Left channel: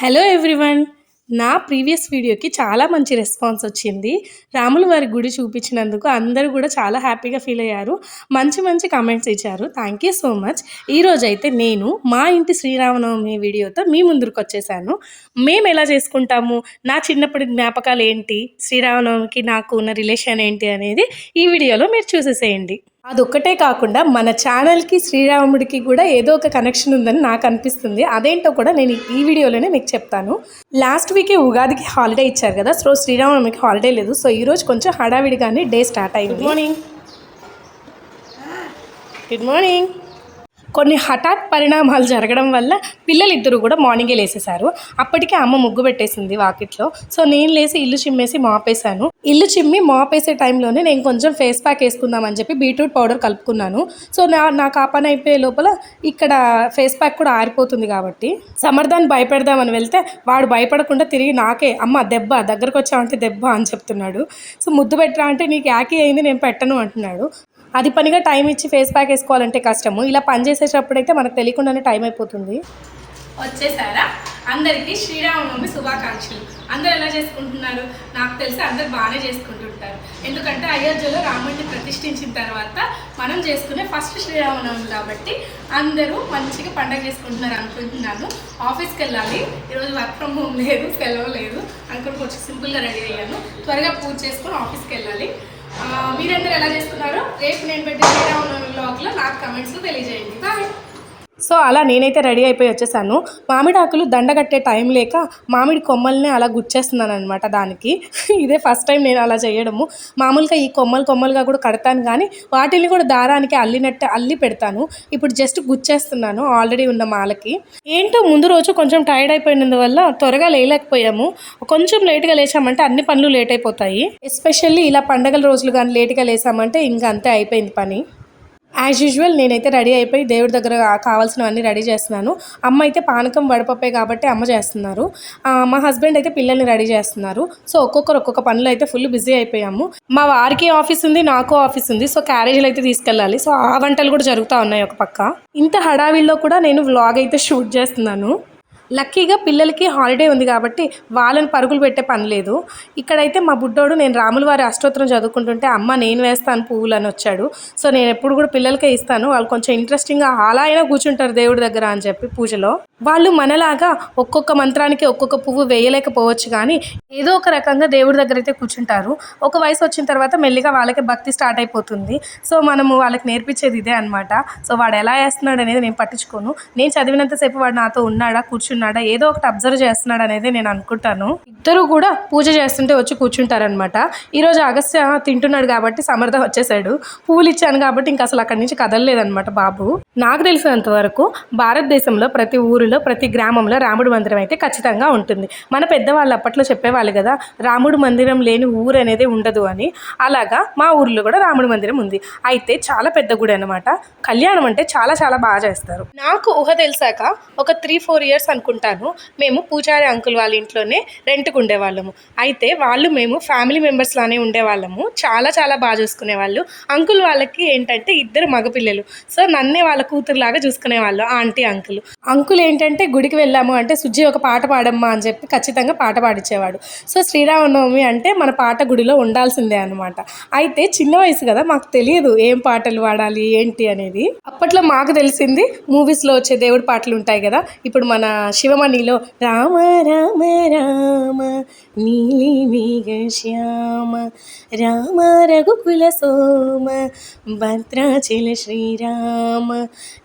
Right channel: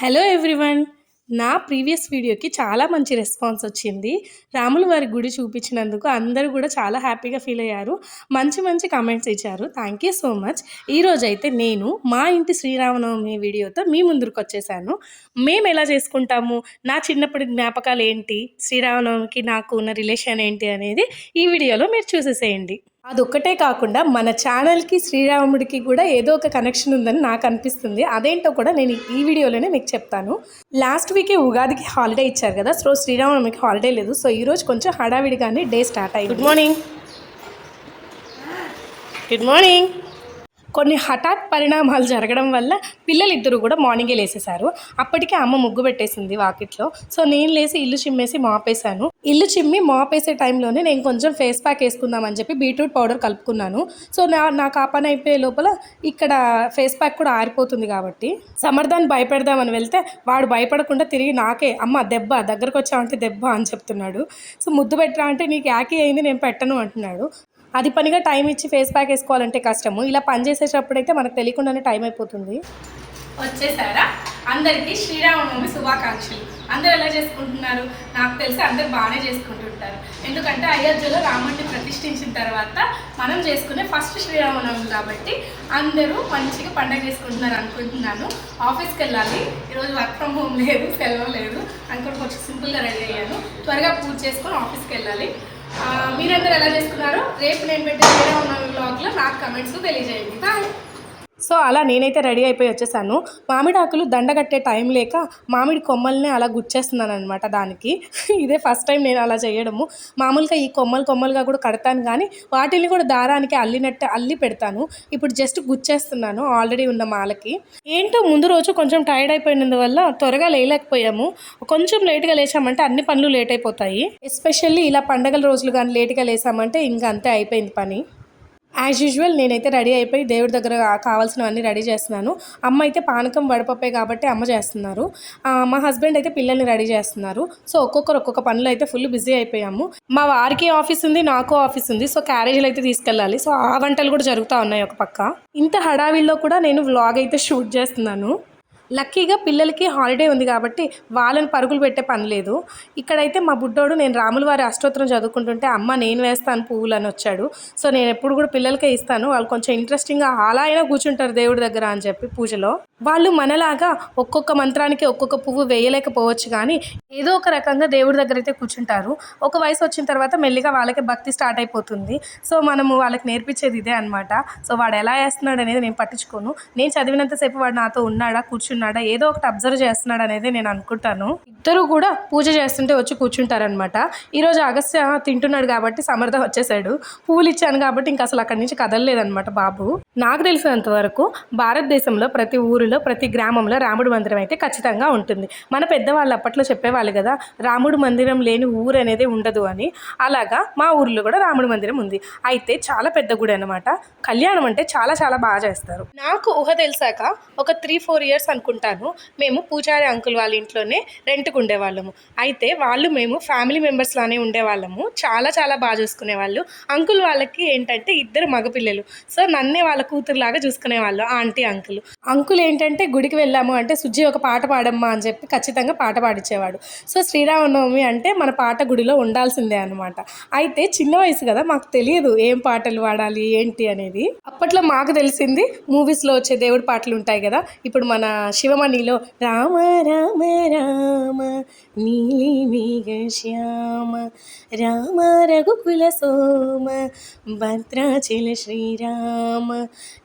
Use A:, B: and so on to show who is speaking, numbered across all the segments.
A: Hello everyone. నా previous వీడియోకి చాలా మంచి రెస్పాన్స్ వచ్చింది. రాముల వారి గుడి చూపించినందుకు అందరూ కూడా చాలా హ్యాపీగా ఫీల్ అయ్యారు. మంచి మంచి కామెంట్స్ ఇచ్చారు. Thank you so much. ఈరోజు అయితే నేను మా ఇంటి శ్రీరామనవమి వీడియోతో మీ ముందుకు వచ్చేసాను. మేము ఎలా చేసుకుంటాము? నా చిన్నప్పటి జ్ఞాపకాలు ఏంటి? శ్రీరామనవమికి నాకు ఉన్న రిలేషన్ ఏంటి అనేది ఈ వీడియోలో మీరు చూసేసేయండి. అదొక్కటే కాకుండా మన ఛానల్కి శ్రీరాముడికి కూడా ఏదో ఒక కనెక్షన్ ఉందని నాకు అనిపిస్తుంది. అదేంటో కూడా నేను ఈ వీడియోలోనే మీకు చెప్తాను. లాస్ట్ వీకే ఉగాదికి హాలిడే ఇచ్చారు కదా సో శ్రీరామనవమికి హాలిడే లేదు. సో ఈరోజు కొంచెం హడావిడిగానే డే స్టార్ట్ అయింది. గుడ్ మార్నింగ్ గుడ్ మార్నింగ్ కొన్ని హఠాత్ పరిణామాలు జరగడం వల్ల పిల్లలిద్దరూ కూడా మార్నింగే లేసేశారు. అప్పటికే అమ్మ ముగ్గు పెట్టేసింది వాకిట్లో. సో నేను లేసి ఇల్లు చిమ్మేసి మాపేశాను. ఇల్లు చిమ్మి మాపేసే టైంలోనే నేను కొంచెం ఫేస్ ప్యాక్ వేసుకుందామని చెప్పి బీట్రూట్ పౌడర్ కలుపుకున్నాను. సో నా నాకు ఆ పని అయిపోయే లోపల ఇక్కడ ఫేస్ ప్యాక్ కూడా ఆరిపోతుంది కాబట్టి సమర్థాన్ని భయపెడదామని వెళ్తే వాడు భయపడకుండా తిరిగి నాకే అమ్మ దెబ్బ దగ్గరకు వచ్చావంటే దెబ్బ అని చెప్తున్నాడు. సో ముద్దు పెట్టరా అంటే నీకు యాకీ అయింది నేను పెట్టను అంటున్నాడు. అది పనిగా టైం ఇచ్చి ఫేస్ ప్యాక్ వేసుకోవాలంటే కష్టము. ఇలా పని చేసేటప్పుడైతే మనకు తెలియకుండానే టైం అయిపోతుంది. వచ్చేసారా? అందరికీ శ్రీరామనవమి శుభాకాంక్షలు. అందరు ఎలా చేసుకుంటున్నారు? నాకు తెలిసి అందరు బాగానే చేసుకుంటుంటారు ఎందుకంటే అయోధ్యలో రాముడిని ప్రతిష్ఠించిన తర్వాత మనం చేసుకునే ఫస్ట్ శ్రీరామనవమి కాబట్టి అందరూ మంచిగా పండగ చేసుకుంటున్నారు అనుకుంటున్నాను. ఆఫీస్కి వెళ్ళాలి. ఈరోజు వర్క్ ఫ్రమ్ హోమ్ లేదు సెలవు లేదు. అనుకుని కొంచెం సింపుల్గా రెడీ అయ్యాను. త్వరగా పూజ చేసుకొని ఆఫీస్కి వెళ్ళాలి. మీరందరూ ఎలా చేసుకున్నారో రేపు నేను పెట్టే ఉన్న బ్లాగ్లో నాకు కమెంట్స్ తెలియజేయండి. బాయ్ సో అలా నేనైతే రెడీ అయిపోయి వచ్చేసాను. మామిడి ఆకులు దండ కట్టే టైం లేక మామిడి కొమ్మల్ని అలా గుచ్చేస్తున్నాను అనమాట దానికి. ఇదే ఫస్ట్ టైం నేను అలా చేయడము. మామూలుగా ఈ కొమ్మలు కొమ్మలుగా కూడా కడతాను కానీ వాటిని కూడా దారానికి అల్లినట్టు అల్లి పెడతాను. ఇప్పుడు జస్ట్ గుచ్చేస్తున్నాను ఆల్రెడీ ఉన్న మాలకి. ఏంటో ముందు రోజు కొంచెం టైర్డ్ అయిపోయినందువల్ల త్వరగా లేయలేకపోయాము. కొంచెం లేట్గా లేచామంటే అన్ని పనులు లేట్ అయిపోతాయి. ఎస్పెషల్లీ ఇలా పండగల రోజులు కానీ లేట్గా లేసామంటే ఇంకా అంతే అయిపోయింది పని. యాజ్ యూజువల్ నేనైతే రెడీ అయిపోయి దేవుడి దగ్గర కావాల్సినవన్నీ రెడీ చేస్తున్నాను. అమ్మ అయితే పానకం వడపప్పే కాబట్టి అమ్మ చేస్తున్నారు. మా హస్బెండ్ అయితే పిల్లల్ని రెడీ చేస్తున్నారు. సో ఒక్కొక్కరు ఒక్కొక్క పనులు అయితే ఫుల్ బిజీ అయిపోయాము. మా వారికి ఆఫీస్ ఉంది నాకు ఆఫీస్ ఉంది. సో క్యారేజీలు అయితే తీసుకెళ్ళాలి. సో ఆ వంటలు కూడా జరుగుతూ ఉన్నాయి ఒక పక్క. ఇంత హడావిల్లో కూడా నేను వ్లాగ్ అయితే షూట్ చేస్తున్నాను. లక్కీగా పిల్లలకి హాలిడే ఉంది కాబట్టి వాళ్ళని పరుగులు పెట్టే పని లేదు. ఇక్కడైతే మా బుడ్డోడు నేను రాముల వారి అష్టోత్తరం చదువుకుంటుంటే అమ్మ నేను వేస్తాను పువ్వులు అని వచ్చాడు. సో నేను ఎప్పుడు కూడా పిల్లలకే ఇస్తాను. వాళ్ళు కొంచెం ఇంట్రెస్టింగ్గా అలా అయినా కూర్చుంటారు దేవుడి దగ్గర అని చెప్పి పూజలో. వాళ్ళు మనలాగా ఒక్కొక్క మంత్రానికి ఒక్కొక్క పువ్వు వేయలేకపోవచ్చు కానీ ఏదో ఒక రకంగా దేవుడి దగ్గర అయితే కూర్చుంటారు. ఒక వయసు వచ్చిన తర్వాత మెల్లిగా వాళ్ళకి భక్తి స్టార్ట్ అయిపోతుంది. సో మనము వాళ్ళకి నేర్పించేది ఇదే అనమాట సో వాడు ఎలా వేస్తున్నాడు అనేది నేను పట్టించుకోను. నేను చదివినంతసేపు వాడు నాతో ఉన్నాడా కూర్చున్నాడా ఏదో ఒకటి అబ్జర్వ్ చేస్తున్నాడు అనేది నేను అనుకుంటాను. ఇద్దరు కూడా పూజ చేస్తుంటే వచ్చి కూర్చుంటారనమాట ఈరోజు అగస్త్య తింటున్నాడు కాబట్టి సమర్థం వచ్చేసాడు పూలు ఇచ్చాను కాబట్టి ఇంకా అసలు అక్కడి నుంచి కదలలేదనమాట బాబు. నాకు తెలిసినంత వరకు భారతదేశంలో ప్రతి ఊరిలో ప్రతి గ్రామంలో రాముడి మందిరం అయితే ఖచ్చితంగా ఉంటుంది. మన పెద్దవాళ్ళు అప్పట్లో చెప్పేవాళ్ళు కదా రాముడు మందిరం లేని ఊరు అనేది ఉండదు అని. అలాగా మా ఊర్లో కూడా రాముడి మందిరం ఉంది. అయితే చాలా పెద్ద గుడి అనమాట కళ్యాణం అంటే చాలా చాలా బాగా చేస్తారు. నాకు ఊహ తెలిసాక ఒక త్రీ ఫోర్ ఇయర్స్ అనుకుంటాను. మేము పూజారి అంకుల్ వాళ్ళ ఇంట్లోనే రెంట్కి ఉండేవాళ్ళము. అయితే వాళ్ళు మేము ఫ్యామిలీ మెంబర్స్ లానే ఉండేవాళ్ళము. చాలా చాలా బాగా చూసుకునేవాళ్ళు. అంకుల్ వాళ్ళకి ఏంటంటే ఇద్దరు మగపిల్లలు. సో నన్నే వాళ్ళ కూతురులాగా చూసుకునేవాళ్ళు ఆంటీ అంకుల్. అంకుల్ ఏంటంటే గుడికి వెళ్ళాము అంటే సుజ్జి ఒక పాట పాడమ్మా అని చెప్పి ఖచ్చితంగా పాట పాడించేవాడు సో శ్రీరామనవమి అంటే మన పాట గుడిలో ఉండాల్సిందే అనమాట అయితే చిన్న వయసు కదా మాకు తెలియదు ఏం పాటలు పాడాలి ఏంటి అనేది. అప్పట్లో మాకు తెలిసింది మూవీస్లో వచ్చే దేవుడి పాటలు ఉంటాయి కదా ఇప్పుడు మన శివమణిలో రామ రామ రామ నీలి మేఘ శ్యామ రామ రఘుకుల సోమ భద్రాచల శ్రీరామ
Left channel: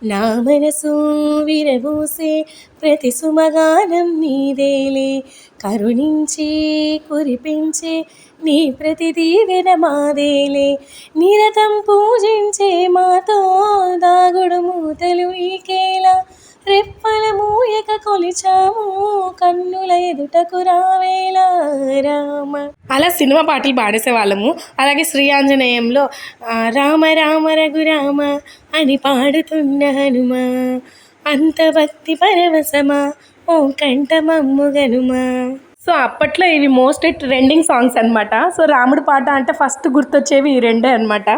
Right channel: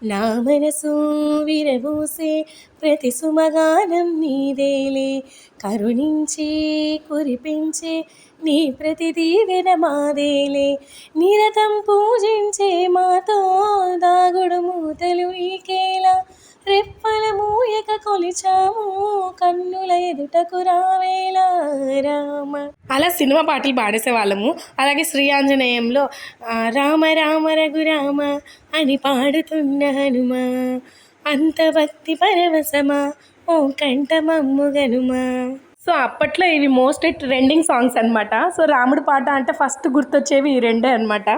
A: నా మనసు విరబూసే ప్రతి సుమగానం నీదేలే కరుణించి కురిపించే నీ ప్రతి దీవెన మాదేలే నిరతం పూజించే మూయక కొలిచాము కన్నుల ఎదుటకు రావేలా రామ. అలా సినిమా పాటలు పాడేసే వాళ్ళము. అలాగే శ్రీ ఆంజనేయంలో ఆ, రామ రామ రఘురామ అని పాడుతున్న హనుమ. అంత భక్తి పరవశమా ఓ కంఠమమ్ము గనుమా. సో అప్పట్లో ఇవి మోస్ట్ ట్రెండింగ్ సాంగ్స్ అన్నమాట. సో రాముడు పాట అంటే ఫస్ట్ గుర్తొచ్చేవి ఈ రెండే అన్నమాట.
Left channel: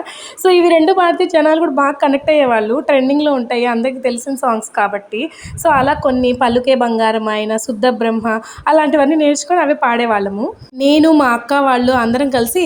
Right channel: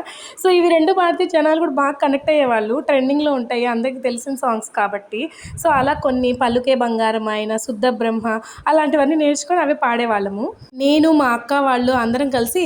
A: సో ఇవి రెండు పాడితే జనాలు కూడా బాగా కనెక్ట్ అయ్యేవాళ్ళు ట్రెండింగ్లో ఉంటాయి అందరికీ తెలిసిన సాంగ్స్ కాబట్టి. సో అలా కొన్ని పలుకే బంగారం ఆయన శుద్ధ బ్రహ్మ అలాంటివన్నీ నేర్చుకొని అవి పాడేవాళ్ళము. నేను మా అక్క వాళ్ళు అందరం కలిసి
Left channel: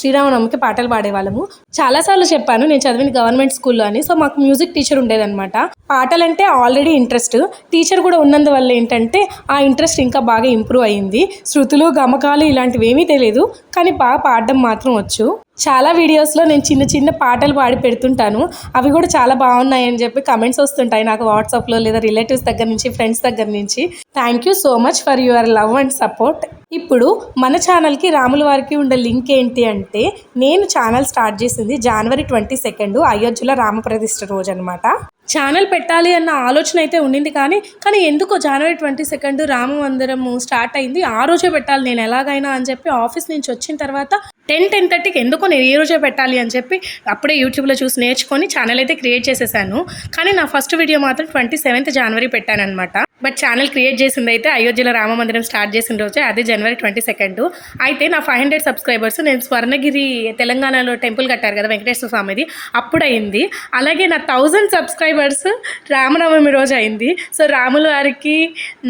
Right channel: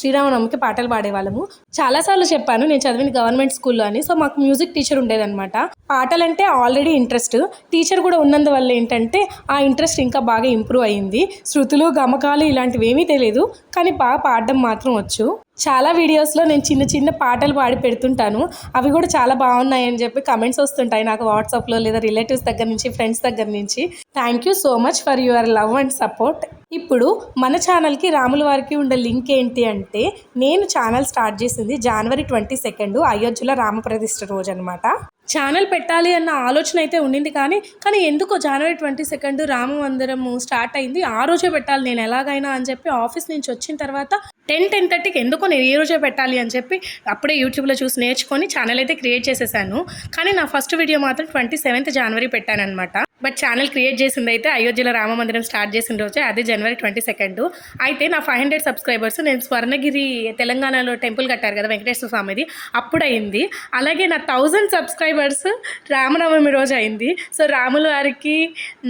A: శ్రీరామనవమికి పాటలు పాడేవాళ్ళము. చాలాసార్లు చెప్పాను నేను చదివిన గవర్నమెంట్ స్కూల్లో అని. సో మాకు మ్యూజిక్ టీచర్ ఉండేదన్నమాట పాటలంటే ఆల్రెడీ ఇంట్రెస్ట్. టీచర్ కూడా ఉన్నందువల్ల ఏంటంటే ఆ ఇంట్రెస్ట్ ఇంకా బాగా ఇంప్రూవ్ అయ్యింది శృతులు గమకాలు ఇలాంటివి ఏమీ తెలియదు కానీ బాగా పాడడం మాత్రం వచ్చు. చాలా వీడియోస్లో నేను చిన్న చిన్న పాటలు పాడి పెడుతుంటాను. అవి కూడా చాలా బాగున్నాయి అని చెప్పి కమెంట్స్ వస్తుంటాయి నాకు వాట్సాప్లో లేదా రిలేటివ్స్ దగ్గర నుంచి ఫ్రెండ్స్ దగ్గర నుంచి. Thank you so much for your love and support ఇప్పుడు మన ఛానల్కి రాముల వారికి ఉండే లింక్ ఏంటి అంటే నేను ఛానల్ స్టార్ట్ చేసింది జనవరి ట్వంటీ సెకండ్ అయోధ్యలో రామప్రతిష్ఠ రోజు అనమాట ఛానల్ పెట్టాలి అన్న ఆలోచన అయితే ఉండింది కానీ కానీ ఎందుకో జనవరి ట్వంటీ సెకండ్ రామ మందిరము స్టార్ట్ అయింది. ఆ రోజే పెట్టాలి నేను ఎలాగైనా అని చెప్పి ఆఫీస్ నుంచి వచ్చిన తర్వాత టెన్ టెన్ థర్టీకి ఎందుకో నేను ఈ రోజే పెట్టాలి అని చెప్పి అప్పుడే యూట్యూబ్లో చూసి నేర్చుకొని ఛానల్ అయితే క్రియేట్ చేసేసాను. కానీ నా ఫస్ట్ వీడియో మాత్రం ట్వంటీ సెవెంత్ జనవరి పెట్టానమాట బట్ ఛానల్ క్రియేట్ చేసింది అయితే అయోధ్యలో రామ మందిరం స్టార్ట్ చేసిన రోజే అదే జనవరి ట్వంటీ సెకండ్. అయితే నా ఫైవ్ హండ్రెడ్ సబ్స్క్రైబర్స్ నేను స్వర్ణగిరి తెలంగాణలో టెంపుల్ కట్టారు కదా వెంకటేశ్వర స్వామిది అప్పుడు అయింది అలాగే నా థౌజండ్ సబ్స్క్రైబర్స్ రామనవమి రోజు అయింది. సో రాముల వారికి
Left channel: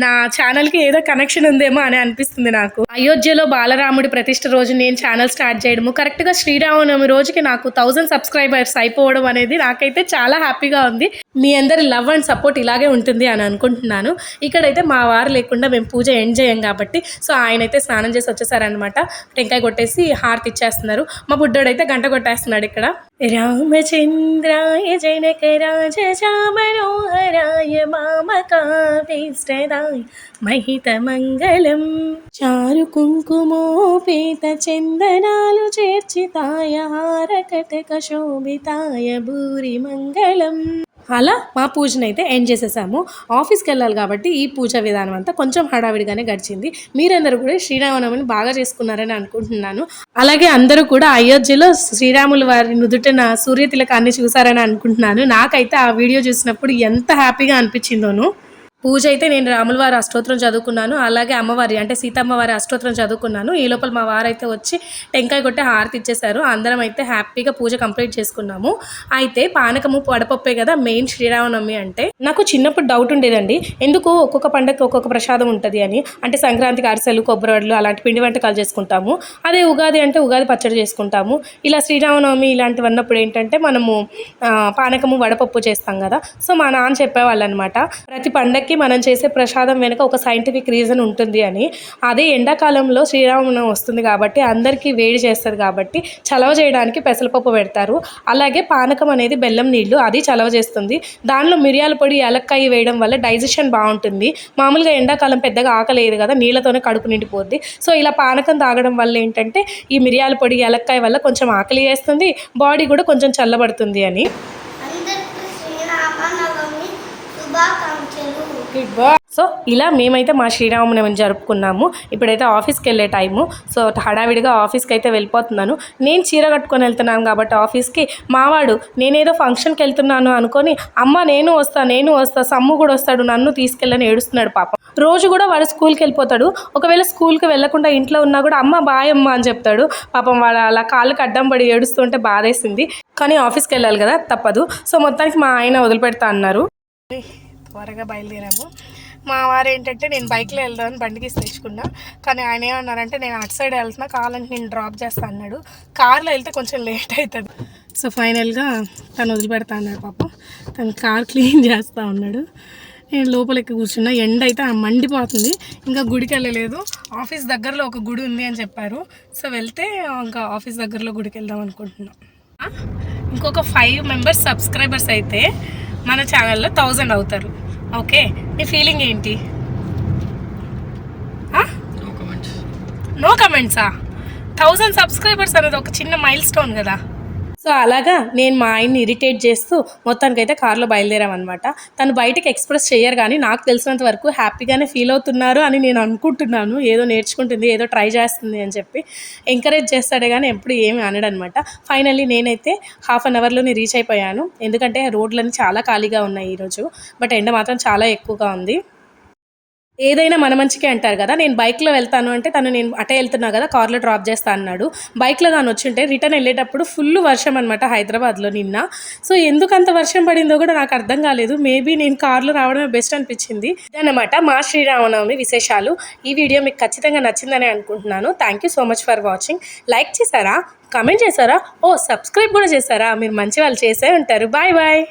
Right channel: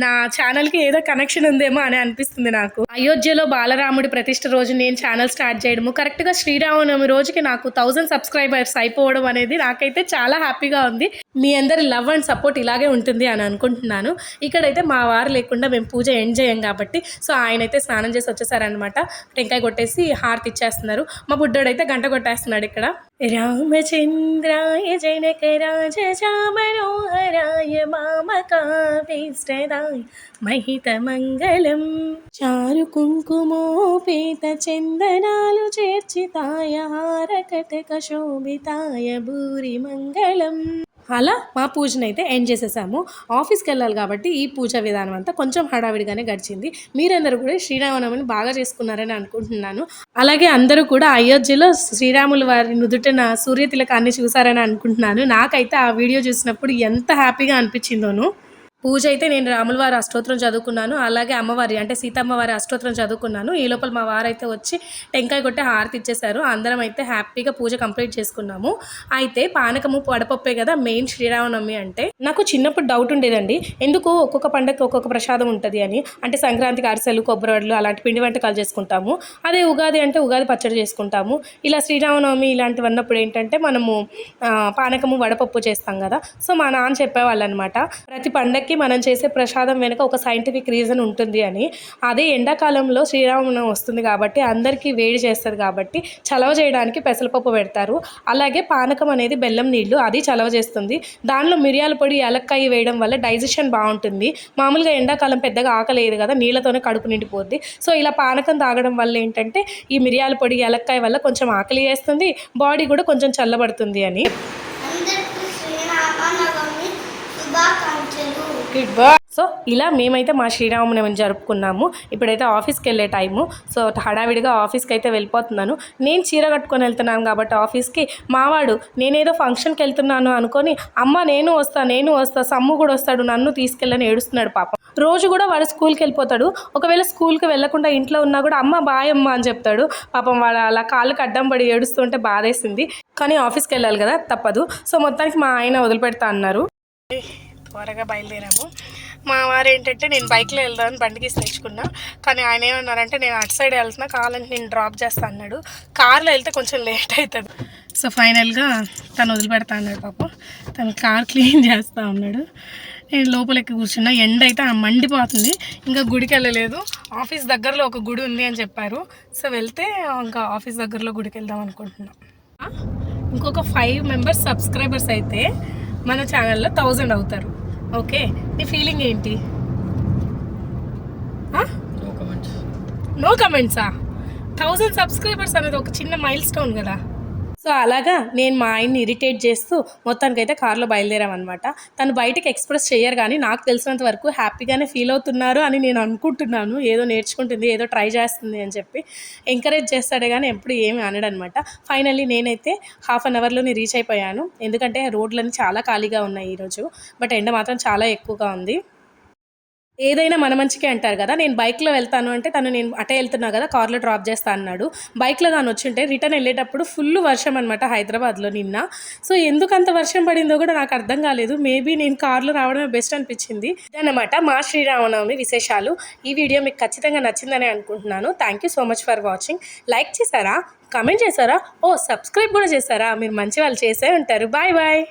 A: నా ఛానల్కి ఏదో కనెక్షన్ ఉందేమో అని అనిపిస్తుంది నాకు. అయోధ్యలో బాలరాముడి ప్రతిష్ఠ రోజు నేను ఛానల్ స్టార్ట్ చేయడము కరెక్ట్గా శ్రీరామనవమి రోజుకి నాకు థౌజండ్ సబ్స్క్రైబర్స్ అయిపోవడం అనేది నాకైతే చాలా హ్యాపీగా ఉంది. మీ అందరి లవ్ అండ్ సపోర్ట్ ఇలాగే ఉంటుంది అని అనుకుంటున్నాను. ఇక్కడైతే మా వారు లేకుండా మేము పూజ ఎండ్ చేయం కాబట్టి సో ఆయన అయితే స్నానం చేసి వచ్చేసారనమాట టెంకాయ కొట్టేసి హారతి ఇచ్చేస్తున్నారు. మా బుడ్డోడైతే గంట కొట్టేస్తున్నాడు ఇక్కడ. రామచంద్రాయ జనక రాజ మనోహరాయ మామకాభీష్టదాయ మహిత మంగళం. చారు కుంకుమోపేత చందనాలు చేర్చితాయ హారకటక శోభితాయ భూరి మంగళం. అలా మా పూజను అయితే ఎండ్ చేసేసాము. ఆఫీస్కి వెళ్ళాలి కాబట్టి ఈ పూజ విధానం అంతా కొంచెం హడావిడిగానే గడిచింది. మీరందరూ కూడా శ్రీరామనవమిని బాగా చేసుకున్నారని అనుకుంటున్నాను. అలాగే అందరూ కూడా అయోధ్యలో శ్రీరాముల వారి నుదుటిన సూర్య తిలకాన్ని చూసారని అనుకుంటున్నాను. నాకైతే ఆ వీడియో చూసినప్పుడు ఎంత హ్యాపీగా అనిపించిందోను. పూజ అయితే నేను రాముల వారి అష్టోత్తరం చదువుకున్నాను. అలాగే అమ్మవారి అంటే సీతమ్మ వారి అష్టోత్తరం చదువుకున్నాను. ఈ లోపల మా వారు అయితే వచ్చి టెంకాయ కొట్టి హారతి ఇచ్చేశారు. అందరం అయితే హ్యాపీగా పూజ కంప్లీట్ చేసుకున్నాము. అయితే పానకము వడపప్పే కదా మెయిన్ శ్రీరామనవమి అంటే. నాకు చిన్నప్పుడు డౌట్ ఉండేదండి. ఎందుకు ఒక్కొక్క పండగకి ఒక్కొక్క ప్రసాదం ఉంటుంది అని. అంటే సంక్రాంతికి అరిసెలు కొబ్బరివడ్లు అలాంటి పిండి వంటకాలు చేసుకుంటాము. అదే ఉగాది అంటే ఉగాది పచ్చడి చేసుకుంటాము. ఇలా శ్రీరామనవమి ఇలాంటివి అన్నప్పుడు ఏంటంటే మనము పానకము వడపప్పు చేస్తాం కదా. సో మా నాన్న చెప్పేవాళ్ళు అనమాట ప్రతి పండగకి మనం చేసే ప్రసాదం వెనుక ఒక సైంటిఫిక్ రీజన్ ఉంటుంది అని. అదే ఎండాకాలంలో శ్రీరామనవమి వస్తుంది కాబట్టి అందరికీ వేడి చేస్తారు కాబట్టి చలవ చేయడానికి పెసరపప్పు పెడతారు. అలాగే పానకం అనేది బెల్లం నీళ్ళు అది చలవ చేస్తుంది. దానిలో మిరియాల పొడి యాలక్కాయ వేయడం వల్ల డైజెషన్ బాగుంటుంది. మామూలుగా ఎండాకాలం పెద్దగా ఆకలేదు కదా నీళ్ళతోనే కడుపు నిండిపోద్ది. సో ఇలా పానకం తాగడం వల్ల ఏంటంటే ఈ మిరియాల పొడి ఎలక్కాయ వల్ల కొంచెం ఆకలి వేస్తుంది బాడీ కూడా కొంచెం చల్లబడుతుంది అని.
B: శుభాకాంక్ష శ్రీరామనవమి శుభాకాంక్షలు
A: సో ఇలా మేమైతే మా శ్రీరామనవమి జరుపుకున్నాము. ఇప్పుడైతే ఆఫీస్కి వెళ్ళే టైము. సో హడావిడిగా ఆఫీస్కి అయితే వెళ్ళిపోతున్నాను. నేను చీర కట్టుకొని వెళ్తున్నాను కాబట్టి ఆఫీస్కి మావాడు నేనేదో ఫంక్షన్కి వెళ్తున్నాను అనుకొని అమ్మ నేను వస్తా నేను వస్తా సమ్ము కూడా వస్తాడు నన్ను తీసుకెళ్ళని ఏడుస్తున్నాడు పాపం. రోజు కూడా వాడు స్కూల్కి వెళ్ళిపోతాడు. ఒకవేళ స్కూల్కి వెళ్ళకుండా ఇంట్లో ఉన్నా కూడా అమ్మ బాయ్ అమ్మ అని చెప్తాడు. పాపం వాడు అలా కాళ్ళకి అడ్డం పడి ఏడుస్తుంటే బాధేసింది. కానీ ఆఫీస్కి వెళ్ళాలి కదా తప్పదు. సో మొత్తానికి మా ఆయన వదిలిపెడతా అన్నారు. త్వరగా బయలుదేరాము. మా వారు ఏంటంటే నేను బైక్లో వెళ్దామని బండికి తెచ్చుకున్నా. కానీ ఆయన ఏమన్నారంటే నేను అటు సైడ్ వెళ్తున్నా కావాలంటే నేను డ్రాప్ చేస్తా అన్నాడు. కార్లో వెళ్తే కొంచెం లేట్ అవుతుంది. సో ఫైనల్గా తను వదిలిపెడతా అన్నాడు పాపం. తను కార్ క్లీన్ చేస్తా ఉన్నాడు నేను లోపలికి కూర్చున్నా. ఎండ అయితే మండిపోతుంది. ఇంకా గుడికి వెళ్ళలేదు. ఆఫీస్ దగ్గరలో ఒక గుడి ఉంది అని చెప్పారు. సో వెళ్తే ఇంకా ఆఫీస్ దగ్గరలో గుడికి వెళ్దాం అనుకుంటున్నాం. ఇంకొక ఫైవ్ మెంబర్స్ సబ్స్క్రైబర్స్ అయితే మన ఛానల్లో థౌజండ్ అవుతారు. ఓకే నీ ఫీలింగ్ ఏంటి?
C: నో కమెంట్స్
A: థౌజండ్ సబ్స్క్రైబర్స్ అనేది ఒక చిన్న మైల్ స్టోన్ కదా. సో అలాగా నేను మా ఆయన్ని ఇరిటేట్ చేస్తూ మొత్తానికి అయితే బయలుదేరామన్నమాట. తను బయటకు ఎక్స్ప్రెస్ చేయరు కానీ నాకు తెలిసినంత వరకు హ్యాపీగానే ఫీల్ అవుతున్నారు అని నేను అనుకుంటున్నాను. ఏదో నేర్చుకుంటుంది ఏదో ట్రై చేస్తుంది అని చెప్పి ఎంకరేజ్ చేస్తాడే కానీ ఎప్పుడు ఏమి అనడనమాట ఫైనల్లీ నేనైతే హాఫ్ అన్ అవర్లోనే రీచ్ అయిపోయాను. ఎందుకంటే రోడ్లన్నీ చాలా ఖాళీగా ఉన్నాయి ఈరోజు. బట్ ఎండ మాత్రం చాలా ఎక్కువగా ఉంది. ఏదైనా మన మంచికే అంటారు కదా నేను బైక్లో వెళ్తాను అంటే తను నేను అటే వెళ్తున్నా కదా కార్లో డ్రాప్ చేస్తా అన్నాడు. బైక్లో దాని వచ్చి ఉంటే రిటర్న్ వెళ్ళేటప్పుడు ఫుల్ వర్షం అనమాట హైదరాబాద్లో నిన్న. సో ఎందుకంత వర్షం పడిందో కూడా నాకు అర్థం కాలేదు. మేబీ నేను కార్లో రావడమే బెస్ట్ అనిపించింది. ఇదన్నమాట మా శ్రీరామనవమి విశేషాలు. ఈ వీడియో మీకు ఖచ్చితంగా నచ్చిందని అనుకుంటున్నాను. Thank you so much for watching like చేశారా? కమెంట్ చేశారా? Oh, ఓ సబ్స్క్రైబ్ కూడా చేశారా? మీరు మంచి వాళ్ళు చేసే ఉంటారు. Bye bye